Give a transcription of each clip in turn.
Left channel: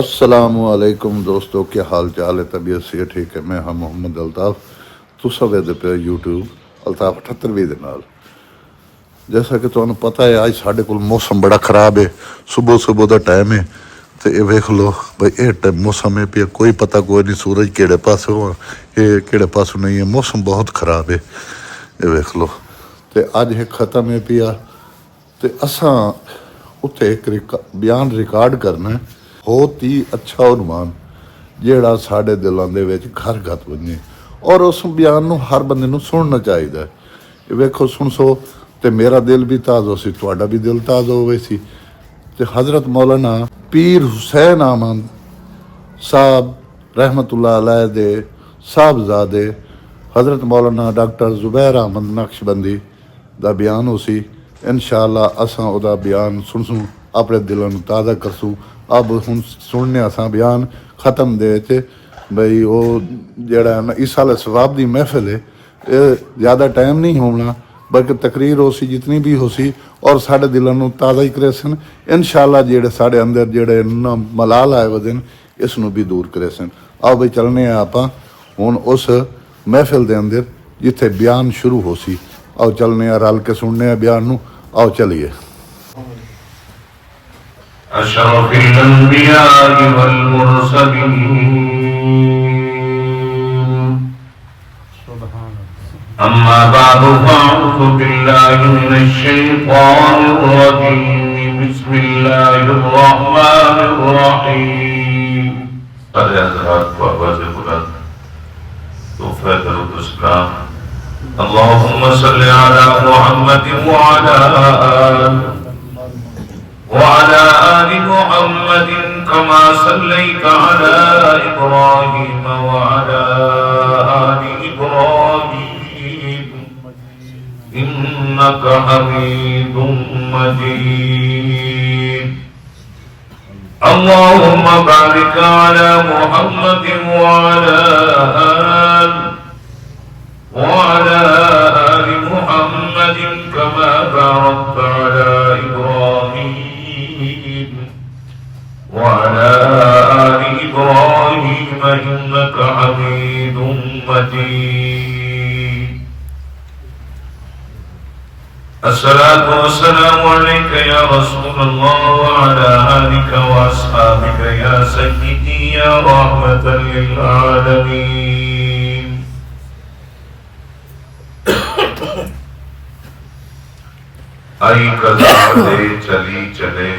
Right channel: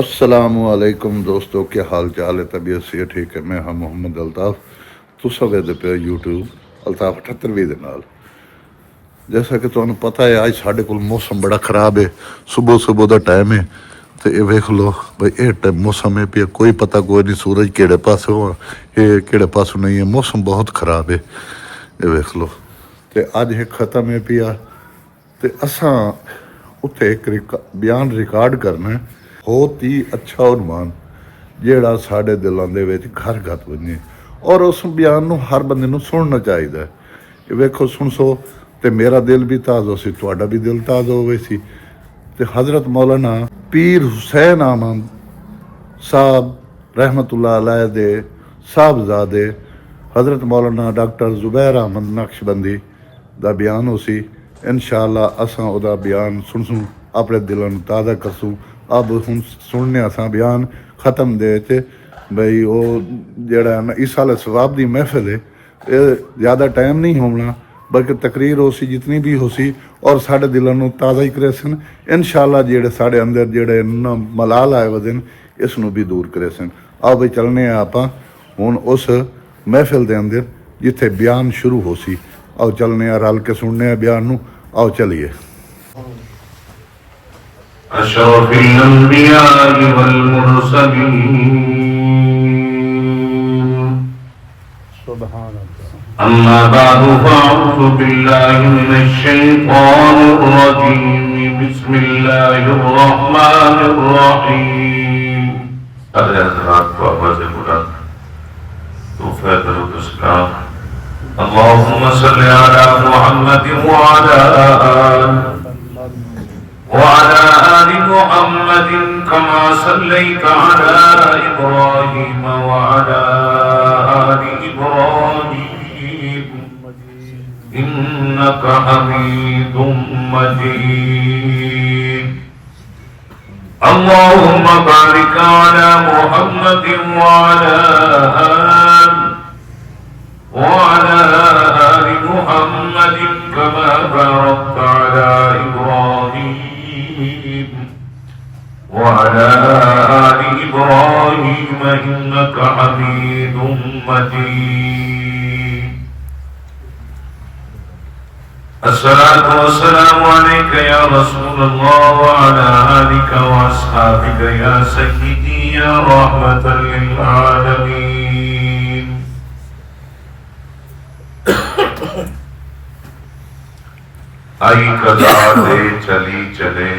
السلام علیکم دوستو، کیا حال چال ہے؟ طبیعت سے ٹھیک ہے؟ میں ہاں محمد الطاف، تسا ویدے پہ یوٹیوب الطاف 78 دے نال۔ جیسا کہ تمہیں پتہ ہے اج ساڈے کول موسم بڑا خراب ہے، صبح دا ٹائم ہے تو یہ ویکھ لو بھائی یہ ٹائم موسم ہے پیا، کوئی پتہ کوئی نہیں سورج کہڑے پاسے ہو یہ کہڑے پاسوں نہیں ہے، موسم بہت خراب ہے یہ ویکھ لو۔ تو اج یہ ختم ہے پیا تو اساں اتنے ایک بیان ریکارڈ کرنا ہے، بہت ہی اچھا عنوان جیڑا ساڈے دلاں دے وچ گھر گت بنے، اور اس بیان نو ہر بندے نو سننا چاہیے۔ یہ ویکھو سنسو تے میرا دل بھی تازہ سی، تہاڈا بھی دل تازہ ہوئے سی۔ تے حضرت مولانا پیر حسین احمد صاحب رحمت اللہ علیہ دے صاحبزادے حضرت مولانا ڈاکٹر زبیر احمد نقشبندی دا بیان ہو سی۔ انشاءاللہ اساں او دا بیان سنسوں، اپنے دلاں نو تازہ کرسوں۔ اب ہن سننے اساں بیان ختم دے تے بھئی او جیڑا ہے نا اس سال ثواب دی محفل ہے، زیادہ ٹائم نہیں ہونا بلکہ تقریر ہو سی جتنی بھی ہو سی، اور ساڈے دلاں نو تازہ ہی کرے سن انشاءاللہ۔ جیڑے ساڈے اندر جیڑے ملال آئے ودن اس نو بھی دور کرے سن۔ آؤ بھئی چلنے ہیں آپاں ہن اس محفل دے اندر جتھے بیان شروع ہو سی، آؤ چلنے ہیں رل کے سننے ہیں بیان نو، آؤ چلیے۔ أشرف الأنبياء والمرسلين أما بعد فأعوذ بالله من الشيطان الرجيم بسم الله الرحمن الرحيم حضرات کو آواز بلند توفیق الاسلام اللهم صل على محمد وعلى آل محمد كما صليت على إبراهيم وعلى آل إبراهيم إنك حميد مجيد اللهم بارك على محمد وعلى آل محمد كما باركت على إبراهيم وعلى آل إبراهيم إنك حميد مجيد الصلاة والسلام عليك يا رسول الله وعلى آلك وأصحابك يا سيدي يا رحمة للعالمين آئی قضا لے چلی چلے،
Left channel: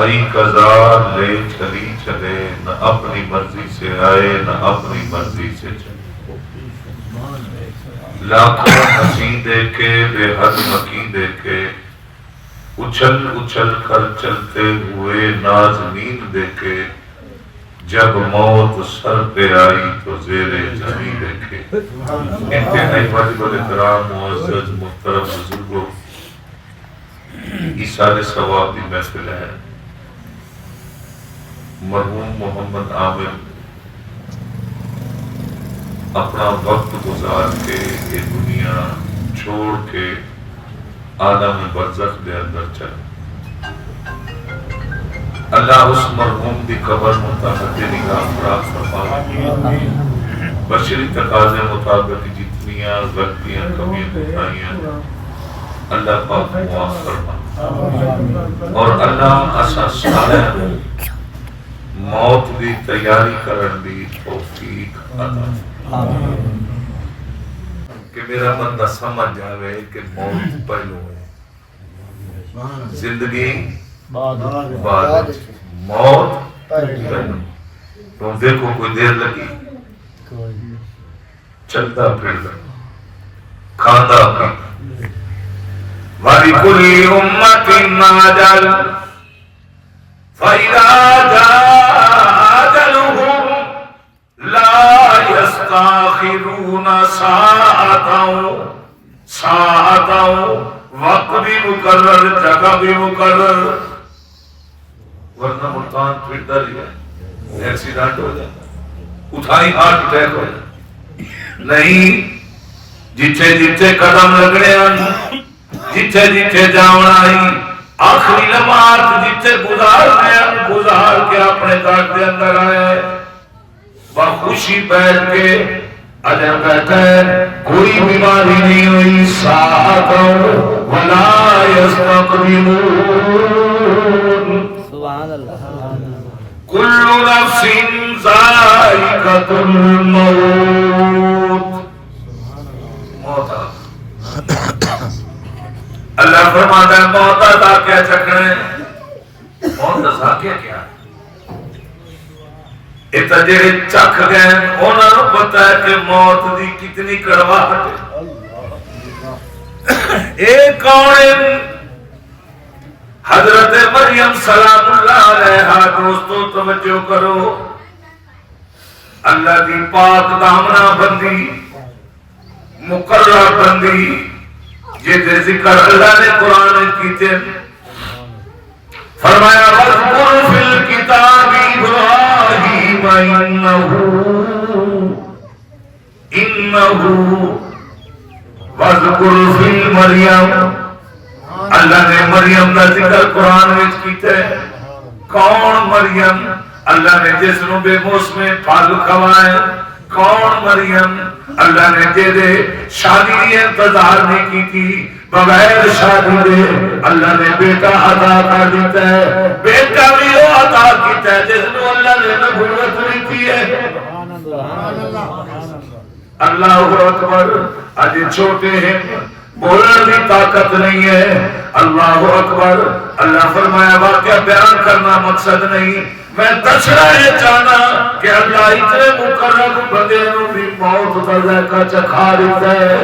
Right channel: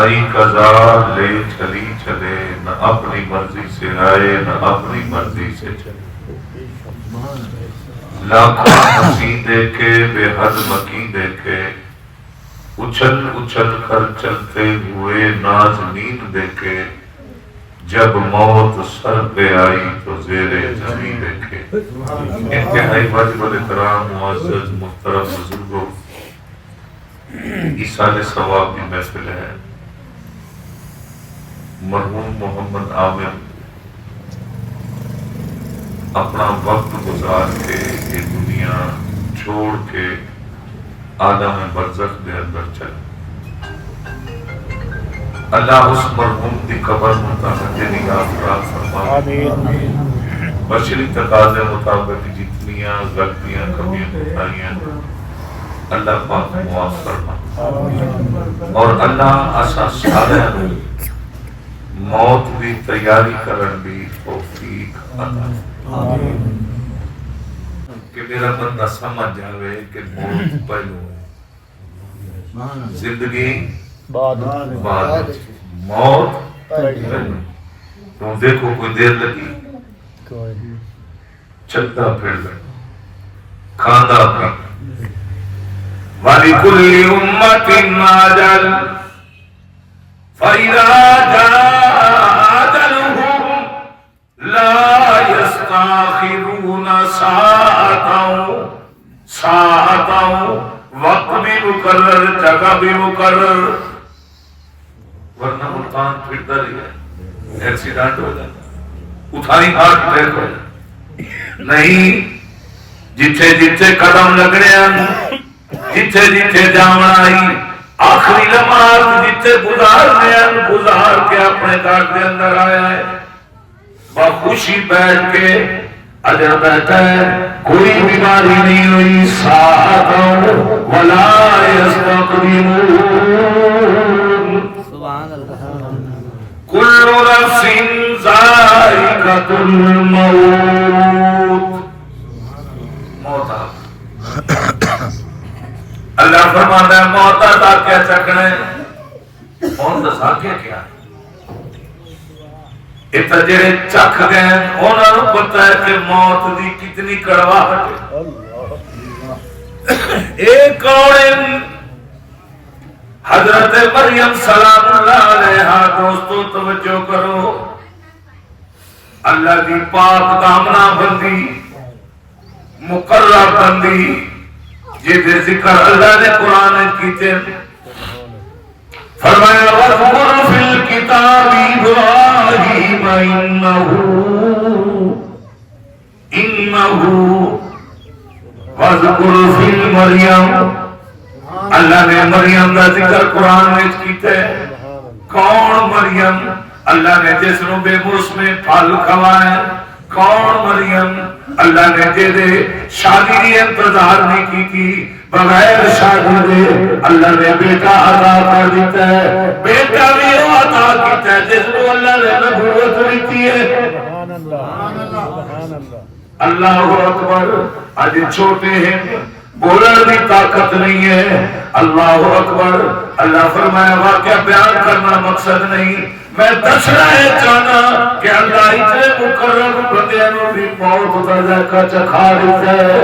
آئی قضا لے چلی چلے، نہ اپنی مرضی سے آئے نہ اپنی مرضی سے چلے۔ لاکھوں ہنسی دیکھے بے حد مکی دیکھے، اچھل اچھل کر چلتے ہوئے نازنین دیکھے، جب موت سر پہ آئی تو زیر زمین دیکھے۔ انتہائی واجب الاحترام معزز محترم بزرگوں، ایصال ثواب کی محفل ہے۔ مرحوم محمد عامر اپنا وقت گزار کے یہ دنیا چھوڑ کے عالم برزخ دے اندر چلے۔ اللہ اس مرحوم دی قبر متحد نگاہ فراغ فرمائے، بشری تقاضے مطابق جتنیاں غلطیاں کمیاں کوتاہیاں اللہ پاک معاف فرمائے، اور اللہ اسا سارے موت دی تیاری کرن دی توفیق عطا کہ میرا بندہ سمجھ جاوے کہ موت پہلو ہے، زندگی بعد، موت پہلو۔ تو دیکھو کوئی دیر لگی چلتا پھرتا کھانا پھرتا۔ وَلِكُلِّ أُمَّةٍ أَجَلٌ فَإِذَا جَاءَ أَجَلُهُمْ لَا يَسْتَأْخِرُونَ سَاعَةً، وقت بھی مقرر، جگہ بھی مقرر، ورنہ ملتان پھرتا رہا ایکسیڈنٹ ہو جاتا، اٹھائی ہارٹ اٹیک ہو جاتا۔ نہیں، جتھے جتھے قدم لگنے ہیں، جتھے جتھے جانا ہی آخری لمحات جتے گزار کے اپنے گھر کے اندر آیا ہے، بخوشی بیٹھ کے اجر بیٹھا ہے، کوئی بیماری نہیں ہوئی، ساعتم ولا یستقدمون، کل نفس ذائقۃ الموت، موت اللہ فرماتا ہے موت دا کیا چکھنا ہے، موت دسا کیا یہ تو جڑے چکھ گئے انہوں نے پتا ہے کہ موت دی کتنی کڑواہٹ ہے۔ ایک کون حضرت مریم سلام اللہ علیہا، دوستو توجہ کرو، اللہ دی پاک دامنا بندی، مقرر بندی، جہدے ذکر اللہ نے قرآن کیتے، فرمایا وَاذْكُرْ فِي الْكِتَابِ إِبْرَاهِيمَ إِنَّهُ وَاذْكُرْ فِي مَرْيَمَ، اللہ نے مریم کا ذکر قرآن میں کیتا ہے۔ کون مریم؟ اللہ نے جس نو بے موسم پھل کھوائے۔ کون مریم؟ اللہ نے جہدے شادی کی انتظار نہیں کی، بغیر شادی دے اللہ نے بیٹا عطا کر دیتا ہے۔ بیٹا بھی وہ عطا کیتا ہے جس کو اللہ نے نبوت دیتی ہے۔ اللہ اکبر، آج چھوٹے ہیں، بولنے کی طاقت نہیں ہے۔ اللہ اکبر، اللہ فرمایا واقعہ بیان کرنا مقصد نہیں، میں دسنا ہے چاہنا کہ اللہ اتنے مقرر بندے نو بھی موت کا ذائقہ چکھا دیتا ہے۔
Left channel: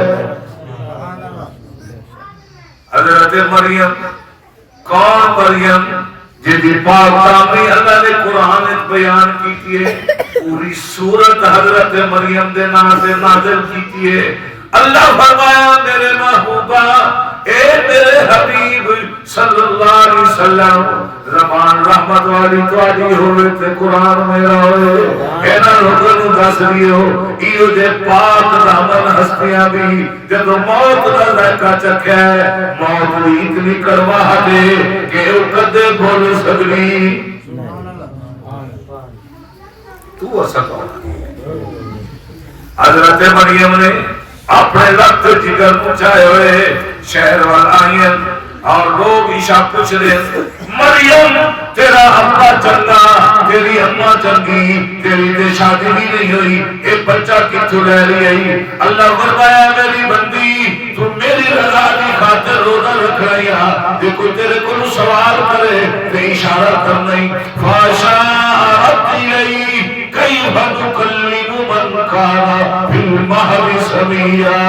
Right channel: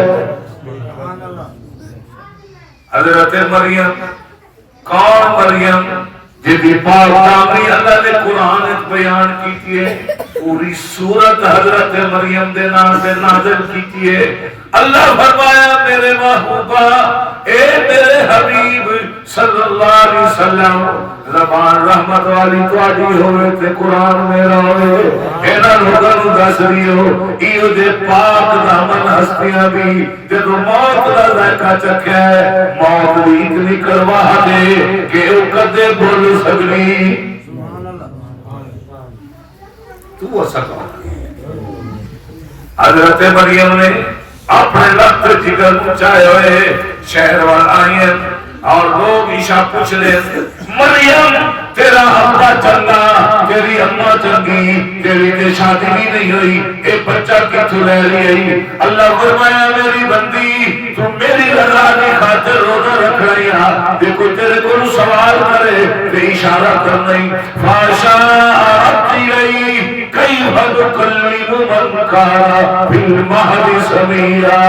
حضرت مریم، کون مریم؟ جی پاک دامنی اللہ نے قرآن بیان کی ہے، پوری سورت حضرت مریم دے نام سے نازل کی ہے۔ اللہ فرمایا میرے محبوبہ، اے میرے حبیب صلی اللہ علیہ وسلم، زبان رحمت والی تواڈی ہوئے تے قرآن میرا ہوئے، اینا لوگاں نوں دس دیو ایو دے پاک دامن ہستیاں بھی جدوں موت دا ذائقہ چکھیا ہے، موت دی اتنی کڑواہٹ ہے کہ او کدے بھول سکدی۔ تو اسا کون؟ حضرت مریم نے اپنے لفظ جگر پچھائے ہوئے شہر وال آئی ہیں اور لوگ عشاء پوچھ رہے مریم تیرا ابا چنگا، تیری اماں چنگی، تیری تے شادی بھی نہیں ہوئی، اے بچہ کتھوں لے لئی؟ اللہ فرمایا میری بندی تو میری رضا کی خاطر روزہ رکھ رہی ہے، جے کوئی تیرے کو سوال کرے تے اشارہ کرنا ہی فاشارت الیہ کیف تکلم من کان فی المہد صبیا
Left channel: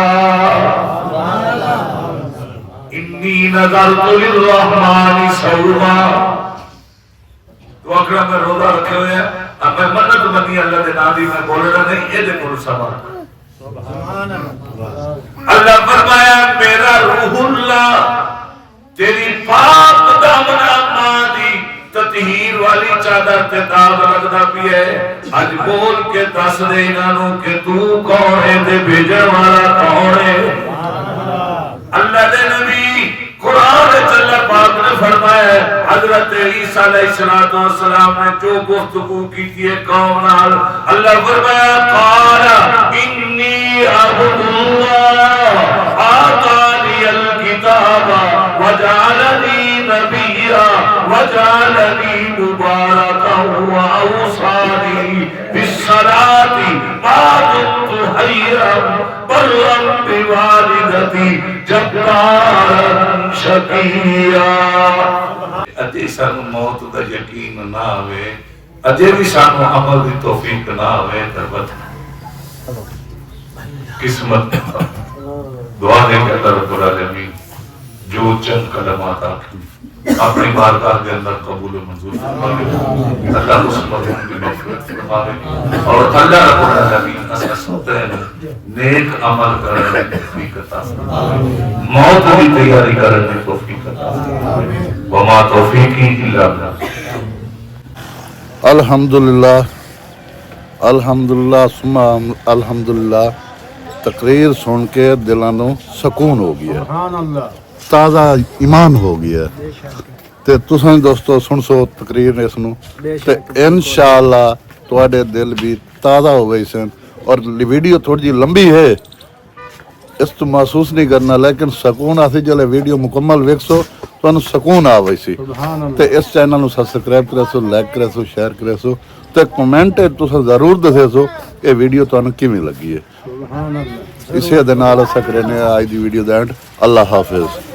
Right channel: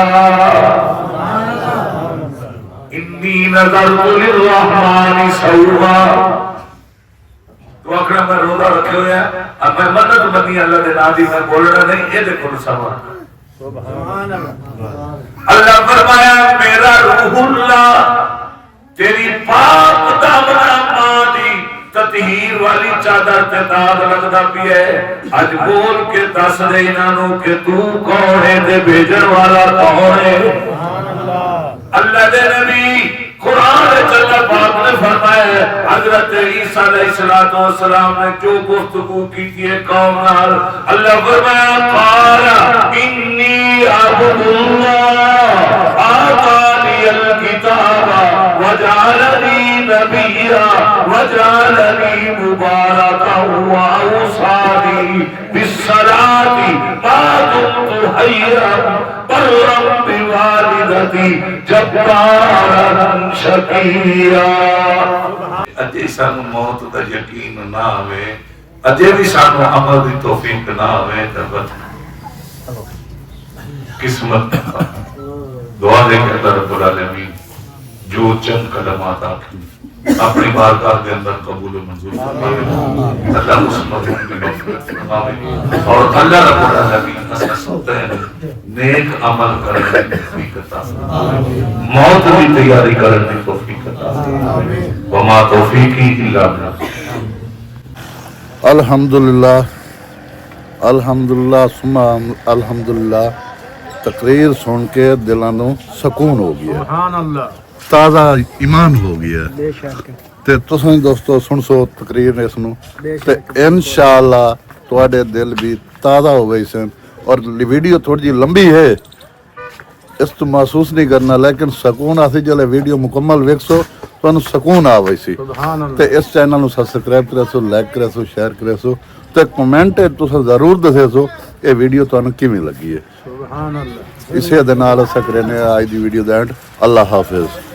انی نذرت للرحمن صوما۔ تو آخر میں روزہ رکھے ہوئے ہیں، اب میں منت بنی اللہ دے نادی میں بولنا نہیں، یہ دیکھو سوال۔ اللہ فرمایا میرا روح اللہ تیری پاک دامنا ماں دی تطہیر والی چادر تے داغ لگدا پئی ہے، اج بول کے دس دے انہاں کہ تو کون ہے تے بھیجن والا کون ہے؟ اللہ دے نبی قرآن اللہ پاک نے فرمایا حضرت عیسیٰ علیہ السلام نے جو گفتگو کی ہے قوم نال، اللہ فرمایا قال انی عبد اللہ آتانی الکتاب وجعلنی نبیا وجعلنی مبارکا واوصانی بالصلاۃ ما دمت حیا برا بوالدتی جبارا شقیا۔ اجے سانو موت دا یقین نہ آوے، اجے بھی سانو عمل دی توفیق نہ آوے تے بس قسمت دعا دے کہ اللہ رب العالمین جو چند کلمات آخری اپنی بارگاہ کے اندر قبول و منظور فرمائے، اللہ اس مرحوم کی مغفرت فرمائے اور اللہ رب العالمین اساستے ہیں نیک عمل کرنے کی توفیق عطا فرمائے، موت کی تیاری کرنے کی توفیق عطا فرمائے، وما توفیقی الا باللہ۔ الحمدللہ الحمدللہ ثم الحمدللہ، تقریر سن کے دلاں نوں سکون ہو گیا۔ ਤਾਜ਼ਾ ਈਮਾਨ ਹੋ ਗਿਆ ਬੇਸ਼ੱਕ ਤੇ ਤੁਸੀਂ ਦੋਸਤੋ ਸੁਣ ਸੋ ਤਕਰੀਰ ਇਸ ਨੂੰ ਤੇ ਬੇਸ਼ੱਕ ਇਨਸ਼ਾਅੱਲਾ ਤੁਹਾਡੇ ਦਿਲ ਵੀ ਤਾਜ਼ਾ ਹੋਵੇ ਸਨ ਔਰ ਵੀਡੀਓ ਥੋੜੀ ਜਿਹੀ ਲੰਬੀ ਹੈ ਇਸ ਤੋਂ ਮਹਿਸੂਸ ਨਹੀਂ ਕਰਨਾ ਲੇਕਿਨ ਸਕੂਨ ਆਸੀ ਜਲੇ ਵੀਡੀਓ ਮੁਕੰਮਲ ਵੇਖੋ ਤੁਹਾਨੂੰ ਸਕੂਨ ਆਵੇ ਸੀ ਸੁਭਾਨ ਤੇ ਇਸ ਚੈਨਲ ਨੂੰ ਸਬਸਕ੍ਰਾਈਬ ਕਰਿਆ ਸੋ ਲਾਈਕ ਕਰਿਆ ਸੋ ਸ਼ੇਅਰ ਕਰਿਆ ਸੋ ਤੇ ਕਮੈਂਟ ਤੁਸੀਂ ਜ਼ਰੂਰ ਦੱਸਿਆ ਸੋ ਇਹ ਵੀਡੀਓ ਤੁਹਾਨੂੰ ਕਿਵੇਂ ਲੱਗੀ ਹੈ ਸੁਭਾਨ ਅੱਲਾਹ ਇਸੇ ਦੇ ਨਾਲ ਅਸਾਂ ਕਰਨੇ ਅੱਜ ਦੀ video the and Allah Hafiz